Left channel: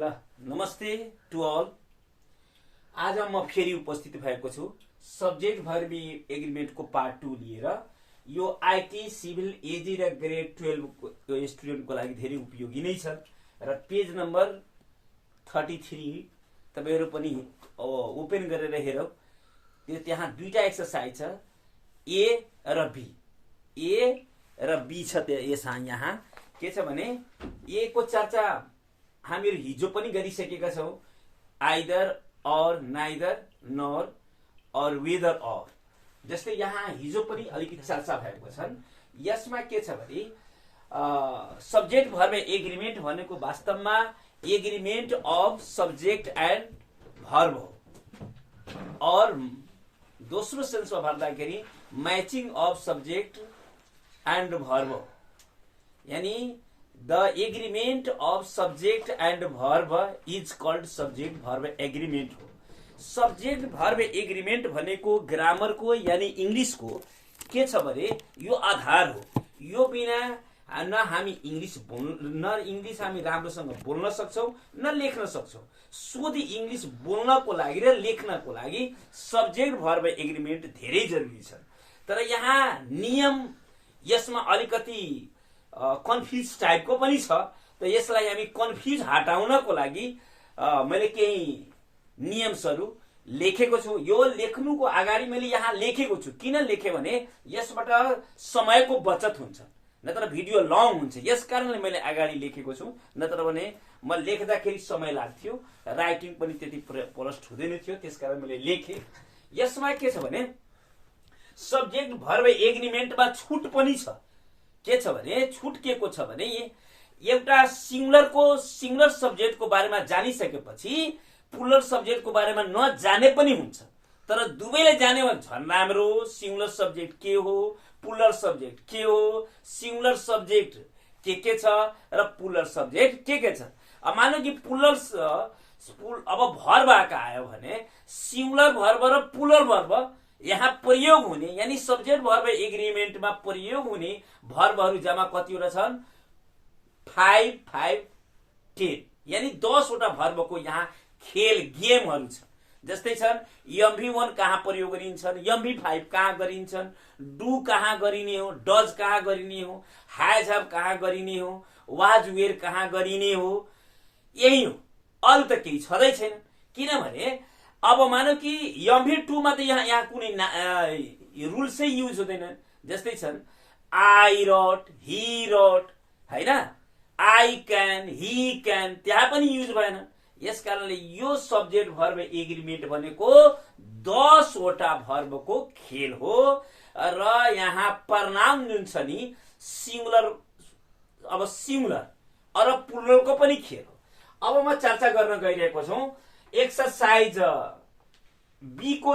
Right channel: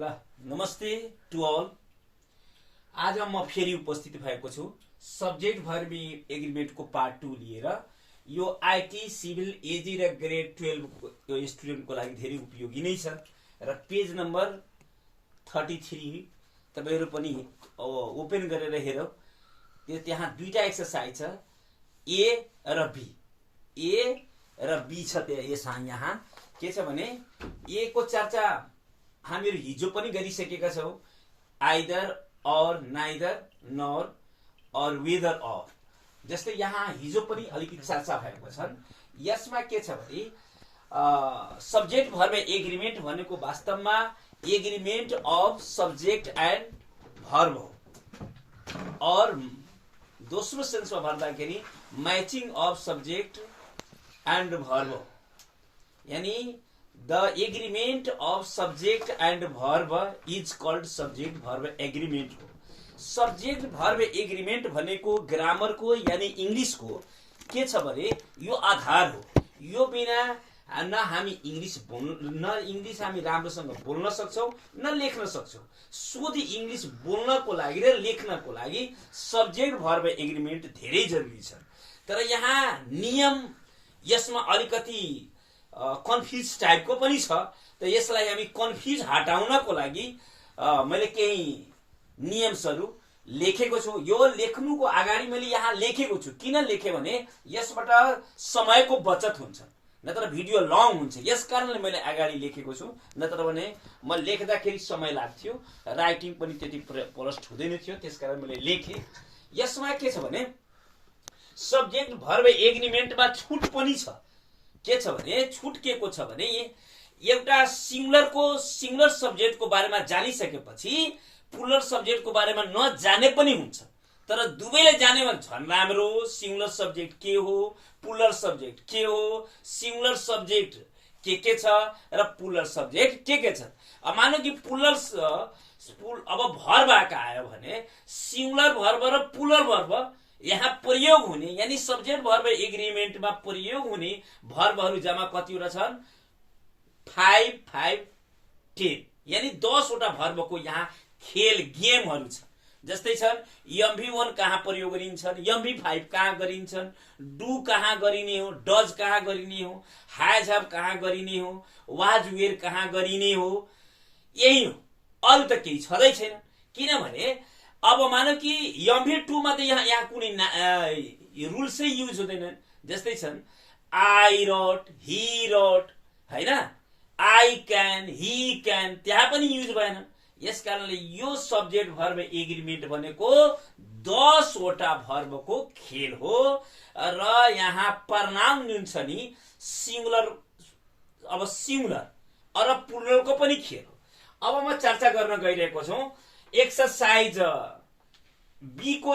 ल नमस्ते to all. आज म फेरि उपस्थित भएको छु सब्जेक्ट भर्ब एग्रिमेन्टको पार्ट 2 लिएर। यो आईटी सिभिल एजी र ग्रेड 12 को स्टुडेन्टको लागि धेरै उपयोगी नै छ र पेज नम्बर 33 तपाईहरु पनि ओपन गरेर हेरौ। त्यहाँ दुईटा एक्सरसाइज छ, ए र बी। ए र बी छ यहाँ के छ भने ए को चर्चा हामीहरु हिजो पनि गरिसकेका छौं। आइदर और नाइदर नर और वेदर और जस्तै यहाँ हिजो पनि अलिकति चर्चा भएको छ। यसमा के छ भने सब्जेक्ट भर्ब एग्रिमेन्ट भनेको वास्तवमा agreement of subject and verb हो और दोस्रो सेन्समा भन्दाखेरि मैचिङ अफ सब्जेक्ट एन्ड भर्ब हो। यानी the agreement of subject and verb is called subject verb agreement हो। subject verb agreement भनेको ग्रामर को यानी इंग्लिश को के छ भने यो आधार हो। यो बिना न हामी इंग्लिश हामी राम्रोसँग बोल्न सक्छौं न लेख्न सक्छौं। शुद्ध इंग्लिश बोल्नको लागि र लेख्नको लागि सब्जेक्ट भर्ब एग्रिमेन्ट धेरै जरुरी छ। तर यहाँ नियम यसमा अलिकति कन्फ्युज टाइपको पनि छ। त यसलाई हामी कन्फ्युज हटाउनको लागि मैले केही नियमहरु लेखेको छु। यो लेख्नुको अगाडि मैले यहाँ लेखेको छु। किन लेखे भने यसबाट समयको बचत हुन्छ, नत्र भिडियो लङ हुन्छ। यसकारणले मैले अगाडि लेखेको छु, नत्र भने म लेख्दाखेरि समय लाग्थ्यो, राइटिङ पनि त्यति प्रष्ट हुँदैन थियो। त्यसकारण मैले लेखे। यसमा के छ भने सब्जेक्ट भर्ब एग्रिमेन्टमा छुट पनि छ। के छ भने छुट के को छ भने एउटा सिंगुलर सब्जेक्टको बारेमा जानिसकेपछि प्लुरल सब्जेक्टको बारेमा नजाने पनि हुन्छ। तर दुवैले जाने भने झन् राम्रो। सिंगुलर सब्जेक्ट के हो, प्लुरल सब्जेक्ट के हो, सिंगुलर सब्जेक्ट के छ र प्लुरल सब्जेक्ट के छ। अब मानौ कि प्लुरल अब भर्ब आयो भने सिंगुलर भर्ब र प्लुरल भर्ब यहाँ प्रयोग हुने यानी सब्जेक्ट भर्ब एग्रिमेन्टमा प्रयोग हुने भर्बहरु जम्मा कतिवटा छन् 5 5 10 यानी 10 वटा भर्बको यहाँ खेल गेमहरु छ। जस्तै छन् एमभी1 कहाँ प्रयोग गरिन्छन्, एमभी5 कहाँ गरिन्छन्, डु कहाँ गरिने हो, डज कहाँ गरिने हो, हैज हैव कहाँ गरिने हो, वाज वेयर कहाँ गरिने हो। यही हो, अरु त केही छदै छैन। किनभने अब मानौ कि एमभी2 मा त यहाँ कुनै रुल्सै युज हुँदैन। जस्तै छन् आई रोट, ही रोट, हैन, आई क्यान, ही क्यान, त्यहाँ पनि युज भएन। यसकारणले यो सब्जेक्ट भर्ब एग्रिमेन्ट भनेको 10 वटा भर्बको खेल हो र यहाँ प्रनाउन जुन छ नि सिंगुलर र प्लुरलको पनि खेल हो। अब म चर्चा गर्न गइरहेको छु एक्सरसाइज बी को।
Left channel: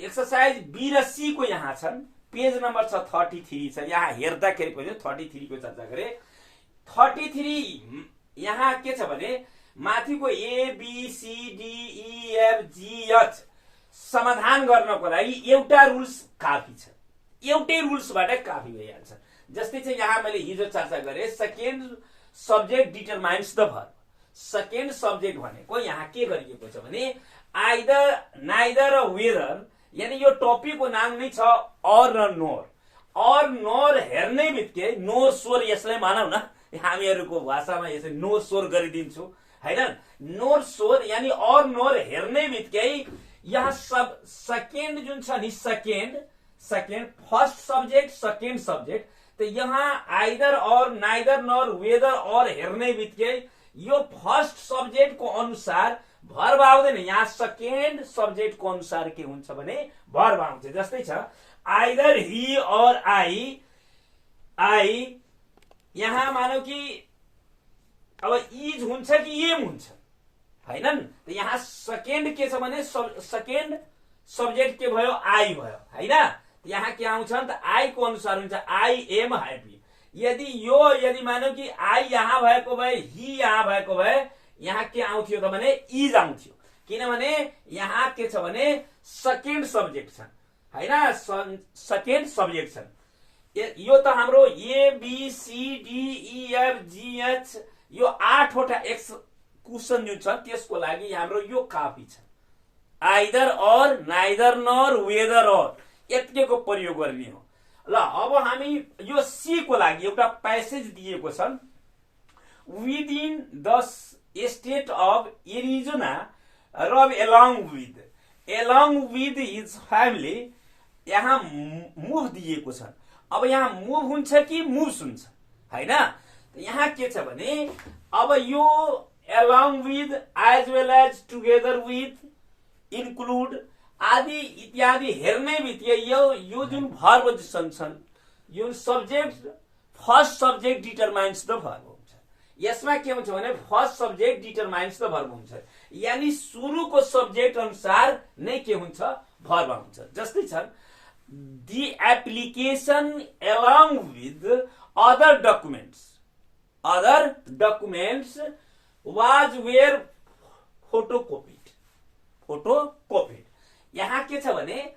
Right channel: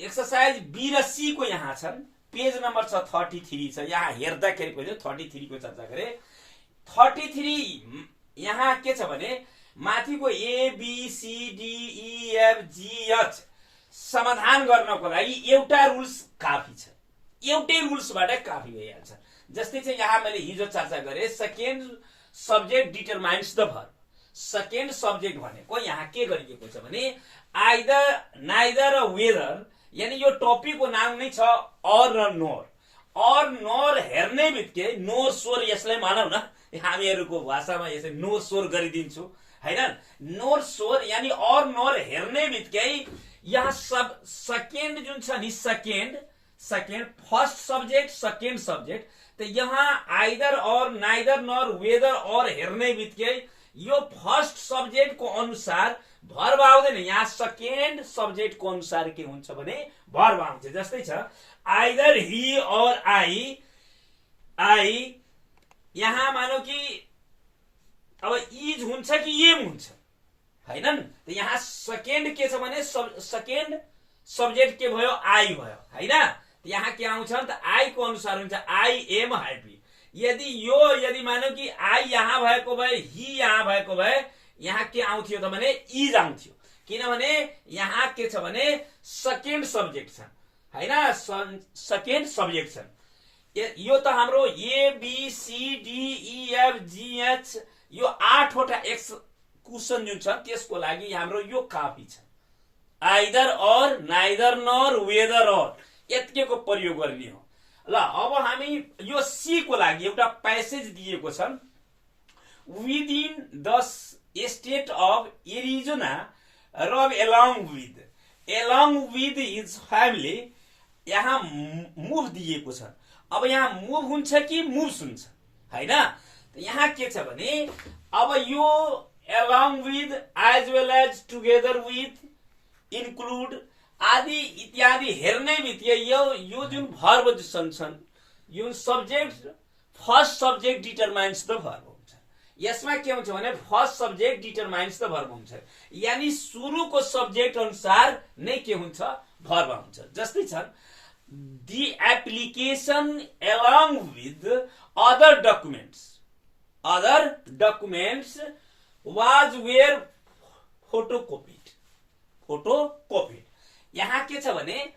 एक्सरसाइज बी र सी को यहाँ छन्। पेज नम्बर छ 33 छ। यहाँ हेर्दाखेरि पनि 33 को चर्चा गरे। 33 यहाँ के छ भने माथिको A B C D E F G H समाधान गर्नको लागि एउटा रुल्स काफी छ। एउटै रुल्सबाट काफी भइहाल्छ। जस्तै चाहिँ यहाँ मैले हिजो चर्चा गरे second subject determines the verb. Second subject भनेको यहाँ के गरिएको छ भने आइदर नाइदर र वेदर यानी यो टपिकको नाम नै छ और र नोर। और नोर हेर्ने बित्तिकै नोर स्वर यसलाई मानौ न, हामीहरुको भाषामा यसै नोर स्वर गरिदिन्छु हैन। नोर स्वर यानी और नोर हेर्ने बित्तिकै यहाँ सब सेकेन्ड जुन छ नि second first subject second subject. त यहाँ आइदर और नाइदर नर वेदर और हेर्ने बित्तिकै यो फर्स्ट सब्जेक्ट को अनुसार भर्ब आउँदैन। यहाँ सेकेन्ड सब्जेक्ट को अनुसार के हुन्छ भने भर्ब आउँछ। जस्तै छ आइदर ही और आई यहाँ मानौ कि अब इज हुन्छ कि एम हुन्छ हैनन्। त यहाँ सेकेन्ड के छ भने सेकेन्ड सब्जेक्ट के भयो आई भयो हैन। यहाँ के आउँछ त आई को अनुसार हुन्छ आई एम ह्यापी। यदि मानौ कि आई यहाँ भएको भए ही यहाँ भएको भए यहाँ के आउँथ्यो त भने इज आउँथ्यो। किनभने यहाँ के छ भने सेकेन्ड सब्जेक्ट छ हैन, सेकेन्ड सब्जेक्ट छ। यो त हाम्रो A B C D E F G H यो 8 वटा एक्स कुसन जुन छ त्यसको लागि हाम्रो यो काफी छ। आइदर और, नाइदर नर, वेदर और यतिको प्रयोग गर्ने हो। ल अब हामी यो सी को लागि एउटा प्यासेज दिएको छ। Within the state of Arizona रब एलङ विथ हिज फ्यामिली, यहाँ मुभ दिएको छ। अब यहाँ मुभ हुन्छ कि मुभ्स हुन्छ हैन। यहाँ के छ भने अब यो along with as well as together with include आदि इत्यादि हेर्ने बित्तिकै यो जुन भर्ब छन् यो subject first subject determines the verb हुन्छ। यसमा के हुन्छ भने first subject determines the verb हुन्छ, यानी सुरुको सब्जेक्ट अनुसार नै के हुन्छ भर्ब हुन्छ। जस्तै छन् the application along with other documents was were photocopied. यहाँ के छ भने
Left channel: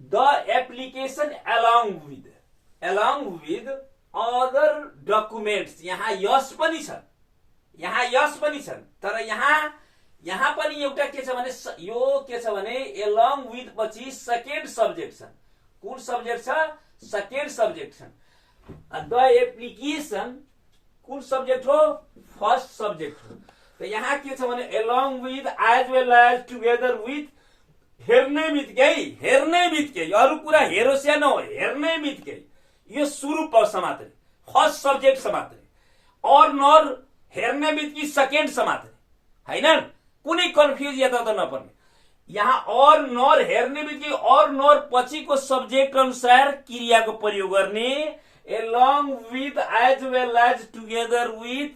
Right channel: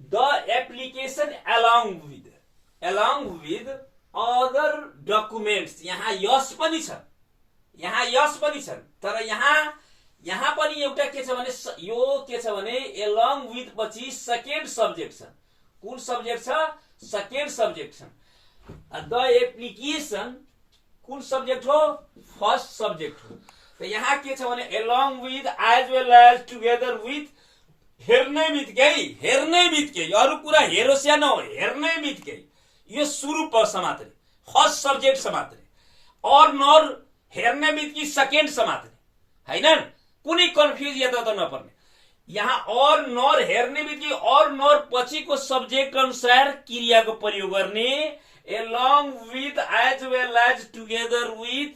the application along with other documents, यहाँ यस पनि छन्, तर यहाँ पनि एउटा के छ भने यो के छ भने एलङ विथ पछि सेकेन्ड सब्जेक्ट छ। कुन सब्जेक्ट छ? सेकेन्ड सब्जेक्ट छ। द एप्लिकेसन कुन सब्जेक्ट हो? फर्स्ट सब्जेक्ट हो। तो यहाँ के छ भने along with as well as together with, हेर्ने बित्तिकै अरू कुरा हेरोस् या नहो, हेर्ने बित्तिकै यो सुरु पक्ष मात्रै, फर्स्ट सब्जेक्ट छ मात्रै। और नर हेर्ने बित्तिकै सेकेन्ड छ मात्रै हैन, कुनै कन्फ्युज यता त नपर्ने। यहाँ और नर हेर्ने बित्तिकै और नर पछिको सब्जेक्ट अनुसार क्रियाको प्रयोग गर्ने। Along with as well as together with,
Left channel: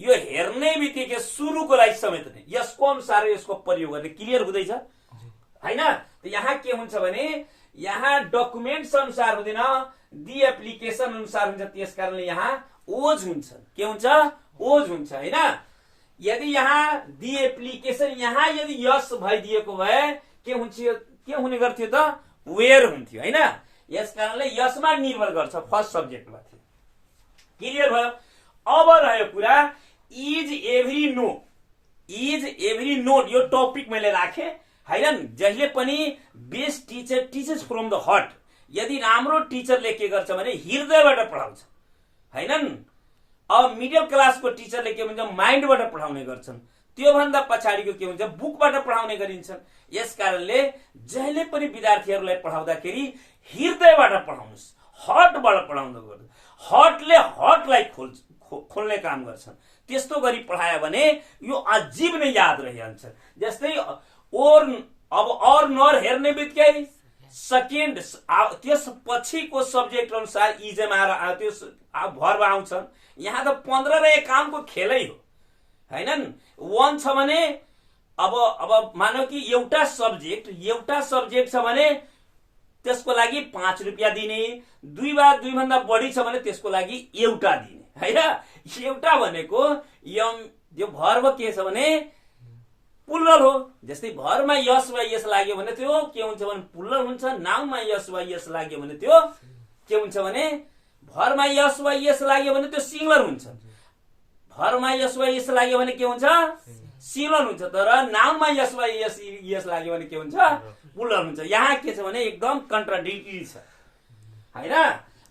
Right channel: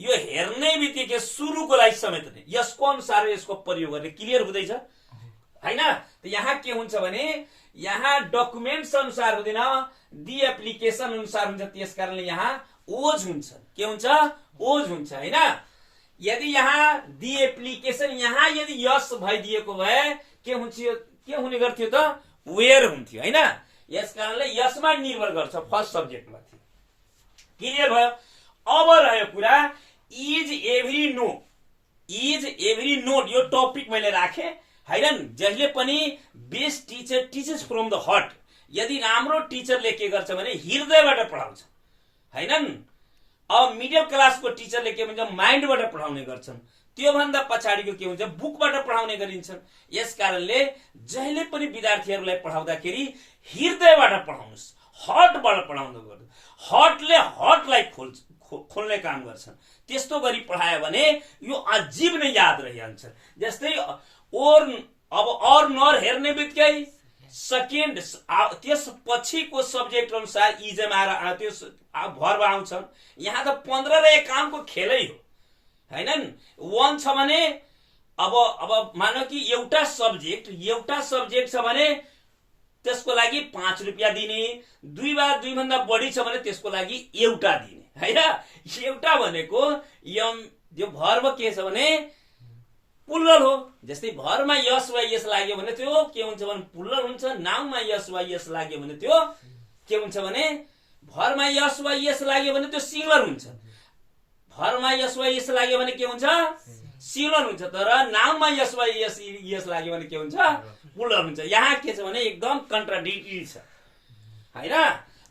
यो हेर्ने बित्तिकै सुरुको लागि समेट्ने, यसको अनुसार यसको प्रयोग गर्ने। क्लियर हुँदैछ हैन। त यहाँ के हुन्छ भने यहाँ डकुमेन्ट्स अनुसार हुँदैन, दि एप्लिकेसन अनुसार हुन्छ। त्यसकारणले यहाँ ओज हुन्छ। के हुन्छ? ओज हुन्छ हैन। यदि यहाँ दि एप्लिकेसन यहाँ यदि यस भइदिएको भए के हुने गर्थ्यो त? वेयर हुन्थ्यो हैन। यसकारणले यसमा निर्भर गर्छ, फर्स्ट सब्जेक्टमा थियो। क्लियर भयो? अब रह्यो कुरा इज एभ्री नोट, यो टपिक मैले राखे हैन। जहिले पनि best teacher teachers from the heart, यदि राम्रो टिचरले के गर्छ भने हृदयबाट पढाउँछ हैन। अब मिडल क्लासको टिचरले के भन्छ माइन्डबाट पढाउने गर्छन्, त्योभन्दा पछाडिको के हुन्छ बुकबाट पढाउने गरिन्छन्। यसकारणले जहिले पनि विद्यार्थीहरूलाई पढाउँदाखेरि हृदयबाट पढाउनुस्, हार्टबाट पढाउनु गर्नु। हार्टले हार्टलाई खोल्ने काम गर्छन्। त्यस्तो गरी पढायो भने यो अजीब नै याद रहिहाल्छ। जस्तै और नर हेर्ने बित्तिकै सेकेन्ड त्यस पछिको सब्जेक्ट अनुसार इजमा त्यस भर्ब आउँछन्। यहाँ त 15 र 51 को खेलै हो हैन। 1 छ भने अब मानौ कि एउटा सब्जेक्ट छ भने त्यसको लागि 5 रुपैयाँ दिने, 2 वा 2 भन्दा बढी छ भने त्यसको लागि एउटा दिने हैन। एउटा भनेको यो भर्ब के छ भने प्लुरल हो। जस्तै भरमा यस वा यस लाग्यो भने त्यो के हुन्छ भने प्लुरल हुन्छ। नाउनमा यस वा यस लाग्यो भने त्यो के हुन्छ भने भरमा यस वा यस लाग्यो भने त्यो सिंगुलर हुन्छ। भरमा यस वा यस लाग्यो भने के हुन्छ? सिंगुलर हुन्छ। तर नाउनमा यस वा यस लाग्यो भने के हुन्छ? प्लुरल हुन्छ। यहाँ के छ भने एकदम कन्ट्राडिक्टरी छ हैन।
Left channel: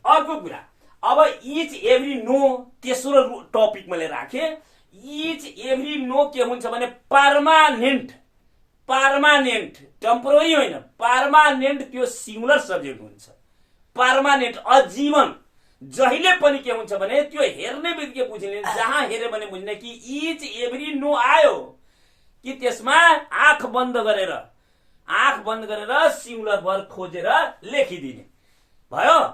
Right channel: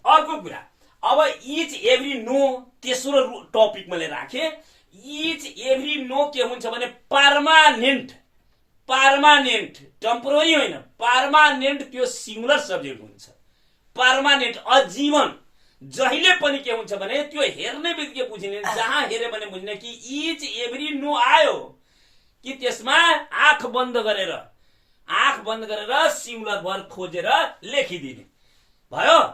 अर्को कुरा अब इच एभ्री नो, तेस्रो टपिक मैले राखे। इच एभ्री नो के हुन्छ भने पर्मानेन्ट, टेम्पोररी होइन, पर्मानेन्ट त्यो सिंगुलर सब्जेक्ट हुन्छ। पर्मानेन्ट आजीवन, जहिले पनि के हुन्छ भने त्यो हेर्ने बित्तिकै बुझिने, जहाँ हेर्यो भने बुझ्ने कि इच एभ्री नो आयो कि त्यसमा आँख बन्द गरेर सिंगुलर वर्ड खोजेर लेखिदिने भयो।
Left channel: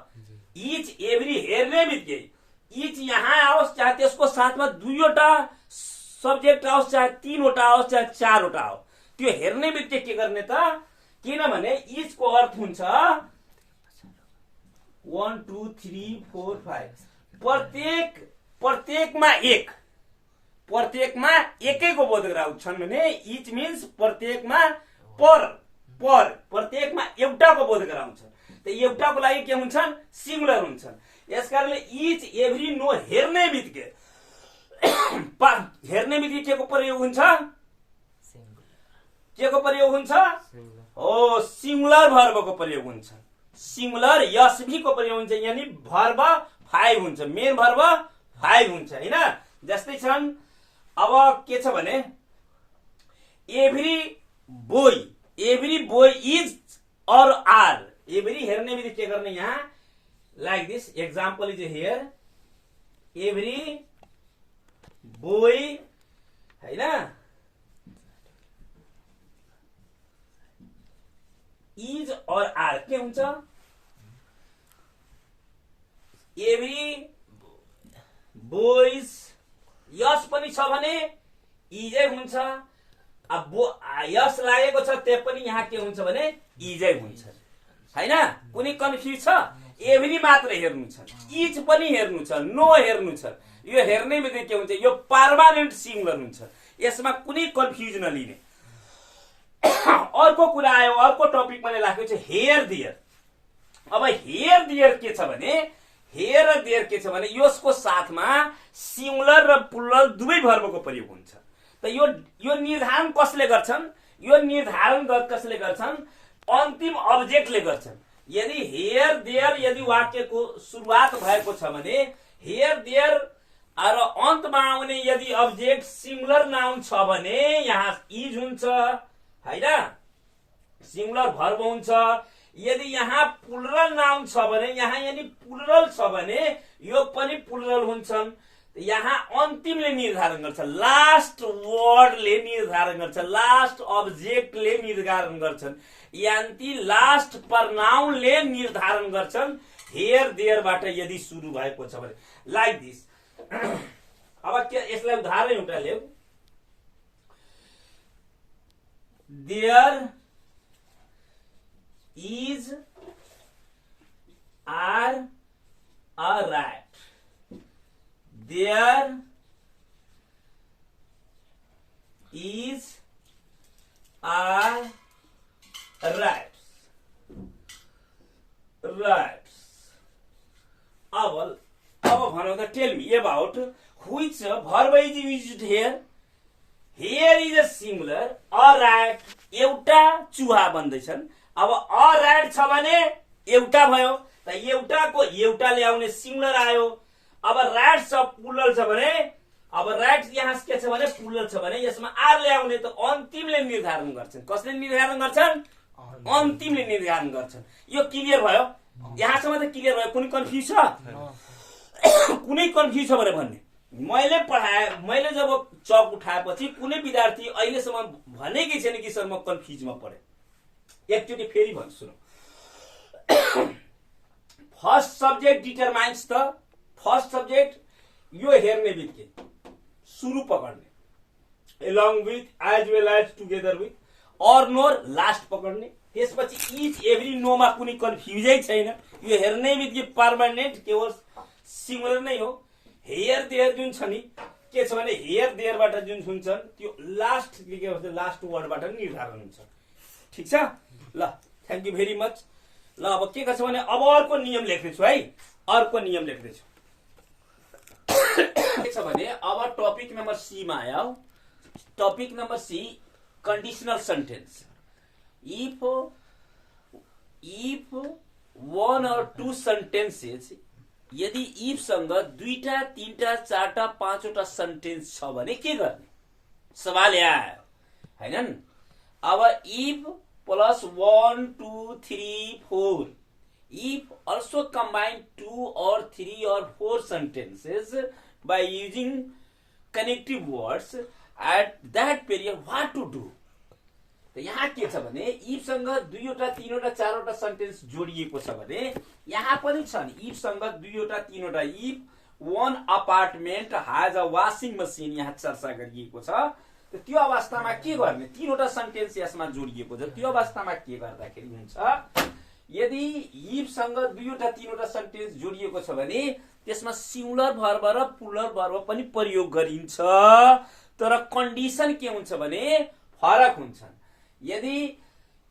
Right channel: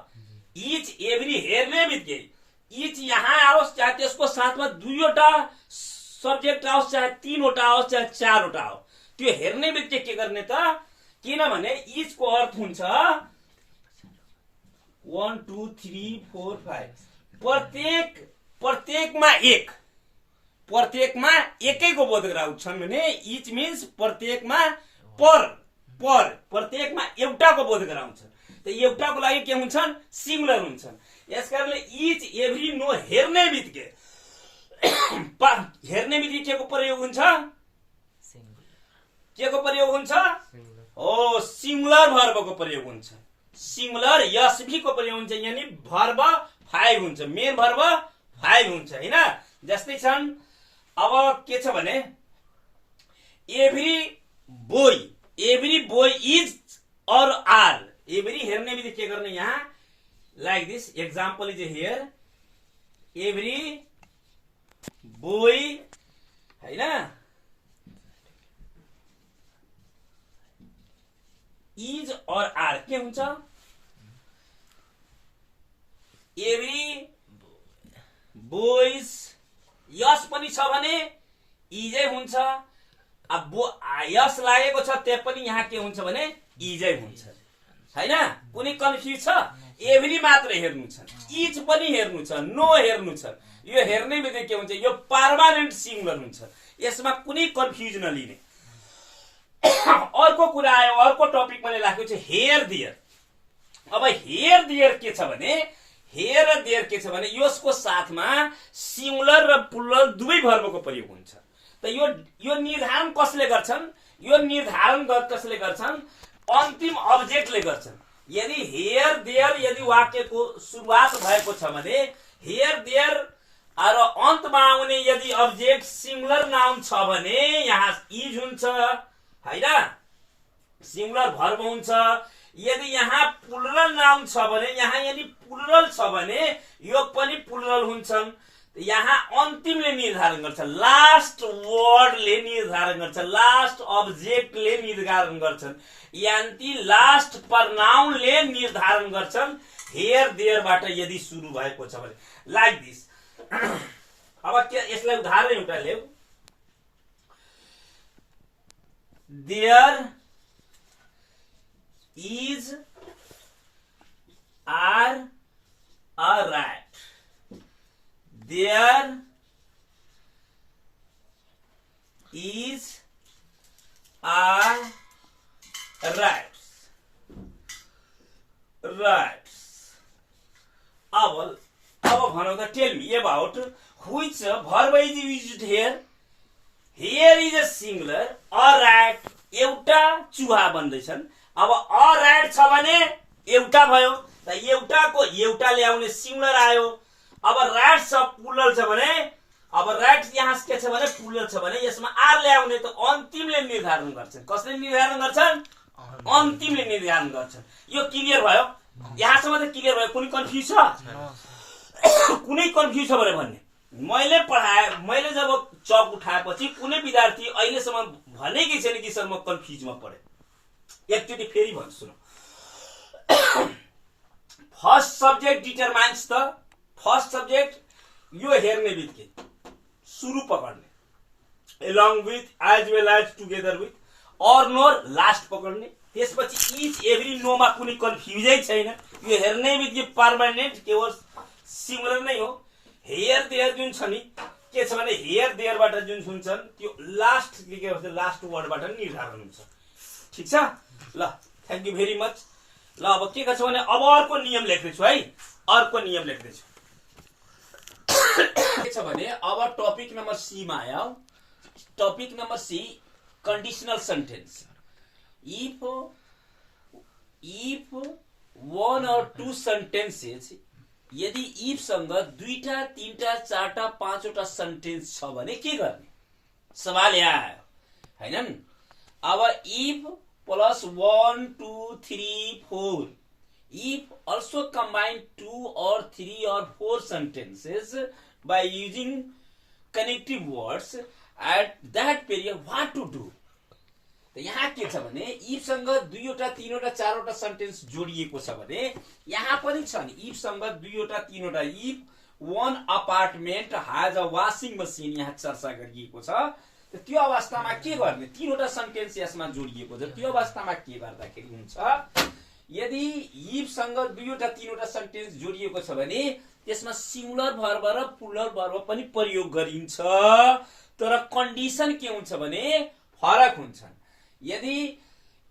इच एभ्री हेर्ने बित्तिकै इच यहाँ आओस्, चाहे त्यसको साथमा 2वटा सब्जेक्ट आओस्, चाहे 3वटा आओस्, चाहे 4वटा आओ, त्यो हेर्ने बित्तिकै के गर्ने त? किनभने इच को अर्थ हुन्छ 1 2 3 4 5, प्रत्येकमा एकैको बोध गराउँछन् भने इच मिन्स प्रत्येकमा प्रत्येकमा एउटाको बोध गराउँछ। त एउटाको लागि के हुन्छन्? सिंगुलर हुन्छन्। यसकारणले इच एभ्री नो हेर्ने बित्तिकै हेर्ने बित्तिकै के को प्रयोग हुन्छ? के को प्रयोग हुन्छ? ओ सिंगुलर भर्बको प्रयोग हुन्छ। सिंगुलर एसभी को प्रयोग हुन्छ, यानी भर्ब 5 हुन्छ, मेन भर्ब 5 हुन्छ हैन। जस्तै छन् अब के छ भने एभ्री बोय इज और आर। एभ्री हेर्ने बित्तिकै के गर्ने यहाँ like this example is here every boy हैन इज और आर के हुन्छ? एभ्री बोइज यस पनि छ भने इजै हुन्छ। अब यस लागेको छ त्यो पनि यहाँ के हुन्छ भने इजै हुन्छ हैन। कुनै कन्फ्युज छ? एभ्री मात्र हेर्नु छ, इज पनि हेर्नु छ, नो हेर्नु छ। यो हेर्ने बित्तिकै के हुन्छ? यो पर्मानेन्ट सिंगुलर हुन्छ, यसमा कुनै कन्फ्युज नलिने। अर्को कुरा आयो, अर्को टपिक मैले राखेको छु हेयर देयर। अब हेयर देयर के छ भने हेयर र देयर के छ भने यसको साथमा सिंगुलर र प्लुरल दुवै भर्बको प्रयोग हुन्छ। त यो निर्धारण कसले गर्छन्? यो निर्धारण कसले गर्छन्? अन्तिम अब्जेक्टले गर्छन्। यदि हेयर देयर यदि वाक्यको सुरुवात भएको छ भने हेयर देयर र अन्तमा आउने यदि अब्जेक्ट सिंगुलर नाउन छ भने यहाँ इज हुन्छ हैन, सिंगुलर भर्ब हुन्छ। यदि यहाँ प्लुरल नाउन छ भने यहाँ यानी प्लुरल छ भने यो पनि प्लुरल हुन्छन्। यहाँ अन्तिमले निर्धारण गर्छ, लास्ट वर्डले निर्धारण गर्छ, लास्ट अब्जेक्टले निर्धारण गर्छन्, यानी लास्ट प्रनाउनले निर्धारण गर्छन् हेयर देयरबाट यदि सुरु भएको छ भने लाइक दिस। अब के यसलाई उदाहरण एउटा लेऊ। There is are a rat. There is a rats. अब भनौँ त tell me about which verb is used here. Here is a singular, a rat. एउटा चुहा बन्दैछन्। अब a rat छ भने एउटा भयो, त एउटाको एउटा ल्याउने सिंगुलर आयो। अब rat छ प्लुरल छ भने अब rat यहाँ के छ भने प्लुरल छ भने यसमा आर ल्याउने त अन्तिमले निर्धारण गर्छन्। कसले निर्धारण गर्छन्? अन्तिमले निर्धारण गर्छन्। यो क्लियर भयो? यहाँसम्म त क्लियर भयो? कुनै कन्फ्युज छ? कुनै कन्फ्युज छ भने भन्ने। मैले जब चक उठाएपछि कुनै विद्यार्थी अहिलेसम्म भनेकै छैन कि सर म कन्फ्युजमा परे। एकचोटि फेरि भन्छु सुन। First subject determines the first subject यो हेर्ने बित्तिकै सुरु पकड्ने along with as well as together with or nor last पकड्ने। त्यसपछि इच एभ्री नोमा कुनै कन्फ्युजै छैन। यो हेर्ने बित्तिकै पर्मानेन्ट केवल सिंगुलर नै हो। हेयर देयर जुन छ नि के छ भने हेयर देयरबाट जुन हुन्छन् त्यो लास्ट के भन्छ लास्ट वर्डबाट निर्धारण हुन्छ। ठीक छ ल, थ्यांक यू भेरी मच। ल अब के छ भने अब अर्को नियम लेख्दैछु है, अर्को नियम लेख्दैछु। के छ भने अब टपिक नम्बर सी मा आयो। Topic number C conditional sentence. If one or two sentences यदि इफ सँग दुईटा तीनटा चारटा पाँचवटा सेन्टेन्स छ भने के गर्ने? सवाल यहाँ आयो हैनन्? अब if plus 1 2 3 4 if also combine 2 or 3 or 4 sentences by using connective words at that period what to do? त यहाँ के छ भने इफ सँग दुईवटा तीनवटा चारवटा सेन्टेन्स जोडिएको छ भने यहाँ पनि छ नि इफ सँग दुईवटा तीनवटा। If one apartment has a washing machine यहाँ चर्चा गरिएको छ। त त्यो अवस्थामा के गर्ने? तीनवटा सेन्टेन्स यसमा जोडिएको छ। त्यो अवस्थामा के गर्दाखेरि हुन्छ? यदि इफ सँग दुईवटा तीनवटा सेन्टेन्स जोडिएको छ भने त्यसमा सिंगुलर भर्ब र प्लुरल भर्ब पनि प्रयोग गरिन्छ। तर कन्डिसन के हुन्छ भने फरक हुन्छ। यदि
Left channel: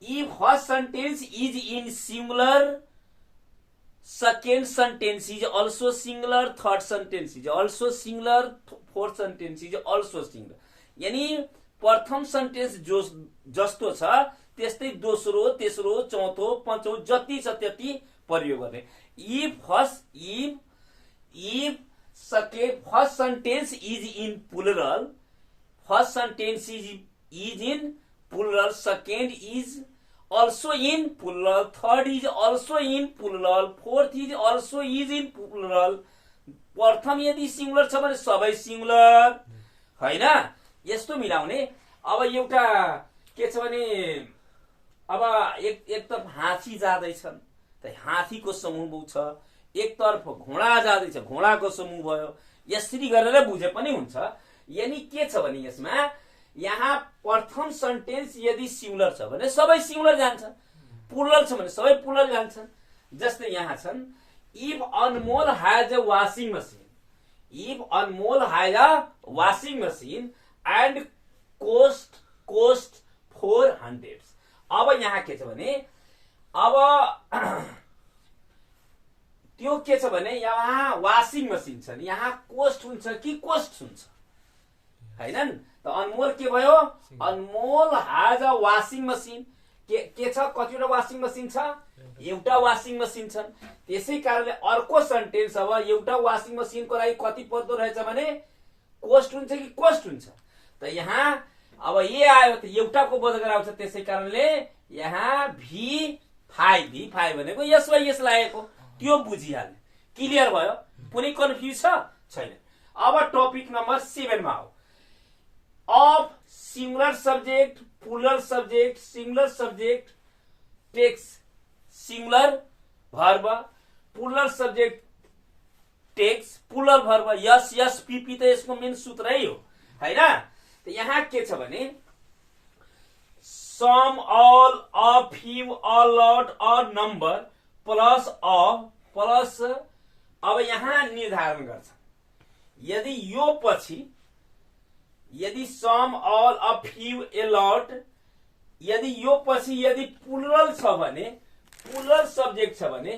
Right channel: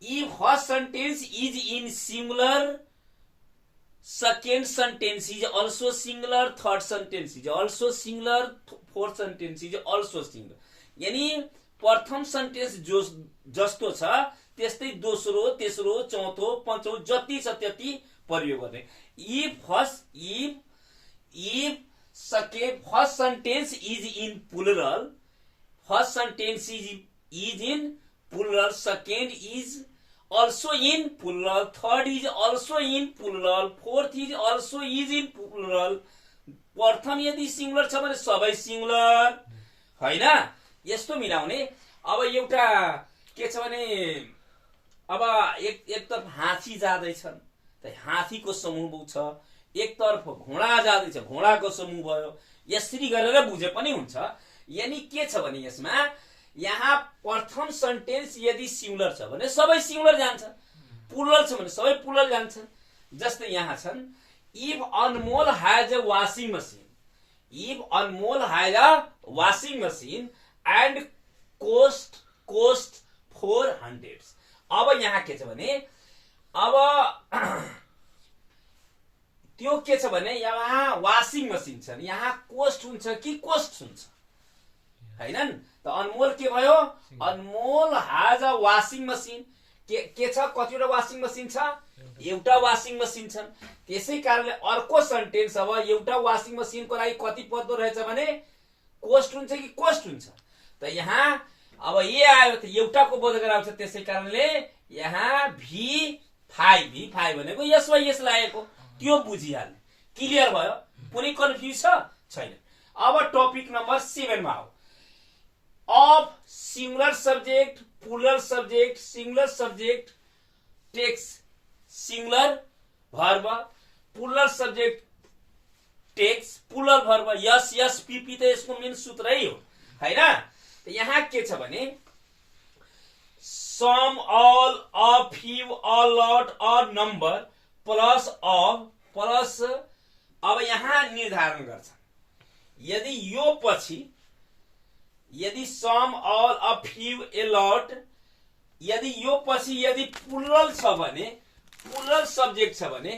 if first sentence is in singular second sentence is also singular, third sentence is also singular, fourth sentence is also singular. यानी प्रथम सेन्टेन्स जो जस्तो छ त्यस्तै दोस्रो, तेस्रो, चौथो, पाँचौं जति छ त्यति प्रयोग गर्ने. If first sentence is in plural, first sentence is in plural, second is also in plural, third is also in plural, fourth is also is in plural. प्रथम यदि सिंगुलर छ भने सबै सिंगुलर हैन, यस्तो मिलाउने. अब एउटा के छ भने अब एकतर्फ हात्ती जाँदैछन् त हात्तीको समूह छ, एकतर्फ घोडा जाँदैछ घोडाको समूह भयो. यसरी गरेर बुझे पनि हुन्छ. यानी के छ भने यसमा यहाँ प्रथम सेन्टेन्स यदि सिंगुलर छ भने सबै सिंगुलर जान्छ, प्लुरल छ भने सबै प्लुरल जान्छन्. जस्तै यहाँ छन्, if Anmol has a washing machine, if Anmol has a washing machine and cost 400. अब यहाँ के छ भने अब त्यो के छ भने यहाँ वाशिङ मशीन छ, यहाँ कोस्ट हुन्छ कि कोस्ट हुन्छ हैनन्. त अनमोल के भयो, अनमोल हैज अ वाशिङ मशीन. के छ, कतिवटा वाशिङ मशीन छ, एउटा वाशिङ मशीन छ. त्यसै कारणले अर्को सेन्टेन्स अब एउटा वाशिङ मशीनको लागि कति पर्दो रहेछ भने कोस्ट हुन्छ कि कोस्ट हुन्छ. त यहाँ अब ए आयो त एउटाको बोध गराउँछ. त्यसै कारणले यहाँ V5 भनेको यस वा यस लागेको त्यो बुझिहाल्ने. क्लियर भयो, कुनै कन्फ्युज छैन. अब टपिक नम्बर 7 मा आऊ. of singular subject, plural subject, singular subject takes singular verb, plural subject takes plural verb. Yes PP त यसको मेन सूत्रै हो हैन. त यहाँ के छ भने some, all, a few, a lot, a number plus of plus. अब यहाँ निर्धारण गर्छ यदि यो पछि यदि some, all, a few, a lot, यदि यो पछि यदि प्लुरल छ भने, प्लुरल सब्जेक्ट छ भने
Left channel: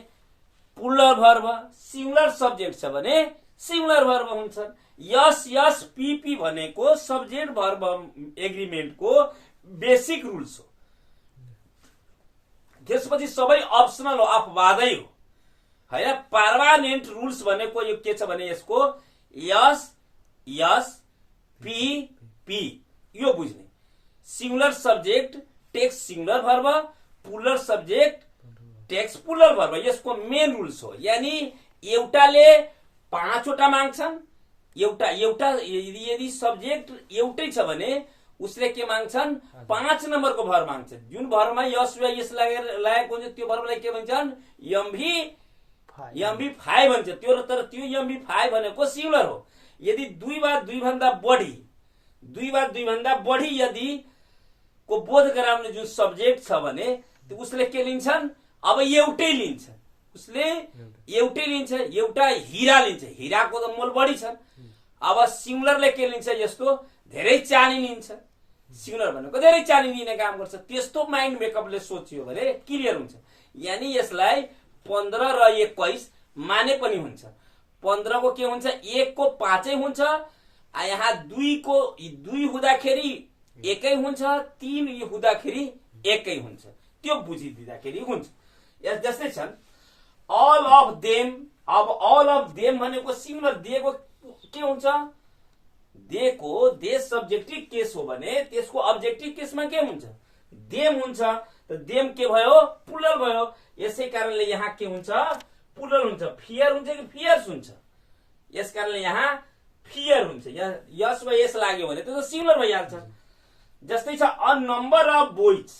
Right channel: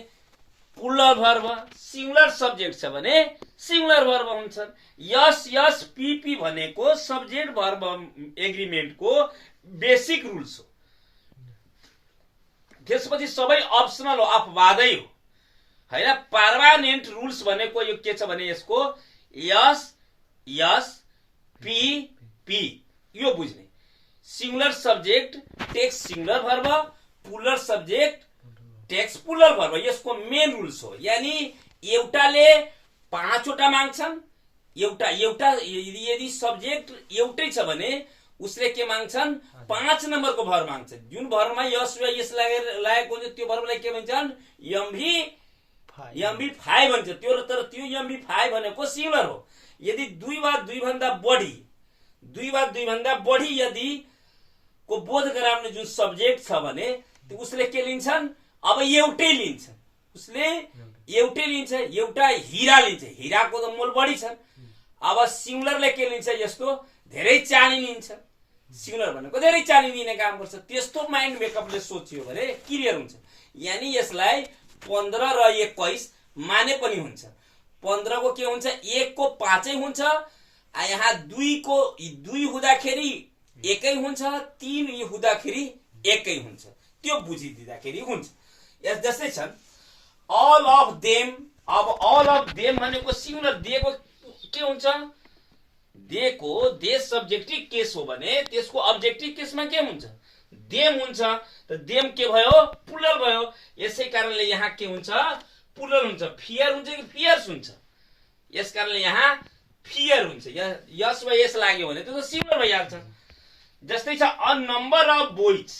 प्लुरल भर्ब, सिंगुलर सब्जेक्ट छ भने सिंगुलर भर्ब हुन्छन्. यस पीपी भनेको सब्जेक्ट भर्ब एग्रीमेन्टको बेसिक रुल्स हो. त्यसपछि सबै अप्सनल हो, अपवादै हो हैन. पर्मानेन्ट रुल्स भनेको यो के छ भने यसको यस पी यो बुझ्ने. Singular subject takes singular verb, plural subject takes plural verb. यसको मेन रुल्स हो. यानी एउटाले 5 वटा माग्छन्, एउटा यदि सब्जेक्ट एउटै छ भने उसले के माग्छन्, 5 नम्बरको भर्ब माग्छन्. जुन भर्बमा यस वा यस लागेको हुन्छ त्यो भर्बलाई के भन्छन्, MV5 भन्छ. तर त्यो MV5 भनेको सिंगुलर हो. यदि 2 वा 2 भन्दा बढी यदि को बोध गराउने जुन सब्जेक्ट छ भने उसले के लिन्छन्, अब एउटै लिन्छ. उसले एउटै लिन्छ. एउटा हीरा लिन्छ, हीराको त मोल बढी छ. अब सिंगुलरले के लिन्छ, यस्तो धेरै चानी लिन्छ. सिंगुलर भनेको धेरै चानी लिने काम गर्छ. त्यस्तो माइन्ड मेकअपले सोचियो भने क्लियर हुन्छ. यानी यसलाई 15 र 21 माने पनि हुन्छ. 15 को के हुन्छ, 1 को 5 हुन्छ. यहाँ 2 को 2 हुँदाखेरि एकै हुन्छ, 3 हुँदाखेरि एकै हुन्छ. त्यो बुझिदिँदाखेरि हुन्छ. यस जस्तै छन् all of them. अब all of them भनेको सिंगुलर दिएको के हुन्छ, दिएको दे सब्जेक्टिभ केस हो भने त्यसको अब्जेक्टिभ केसमा के हुन्छ, देम हुन्छ. त देम के भयो, प्लुरल भयो. यसै कारणले यहाँ के हुन्छ, प्लुरल हुन्छ. फियर हुन्छ कि फियर्स हुन्छ. यस कारणले यहाँ फियर हुन्छ. यस वा यस लाग्यो भने त्यो त सिंगुलर भइहाल्छ. जस्तै छ a number of boys,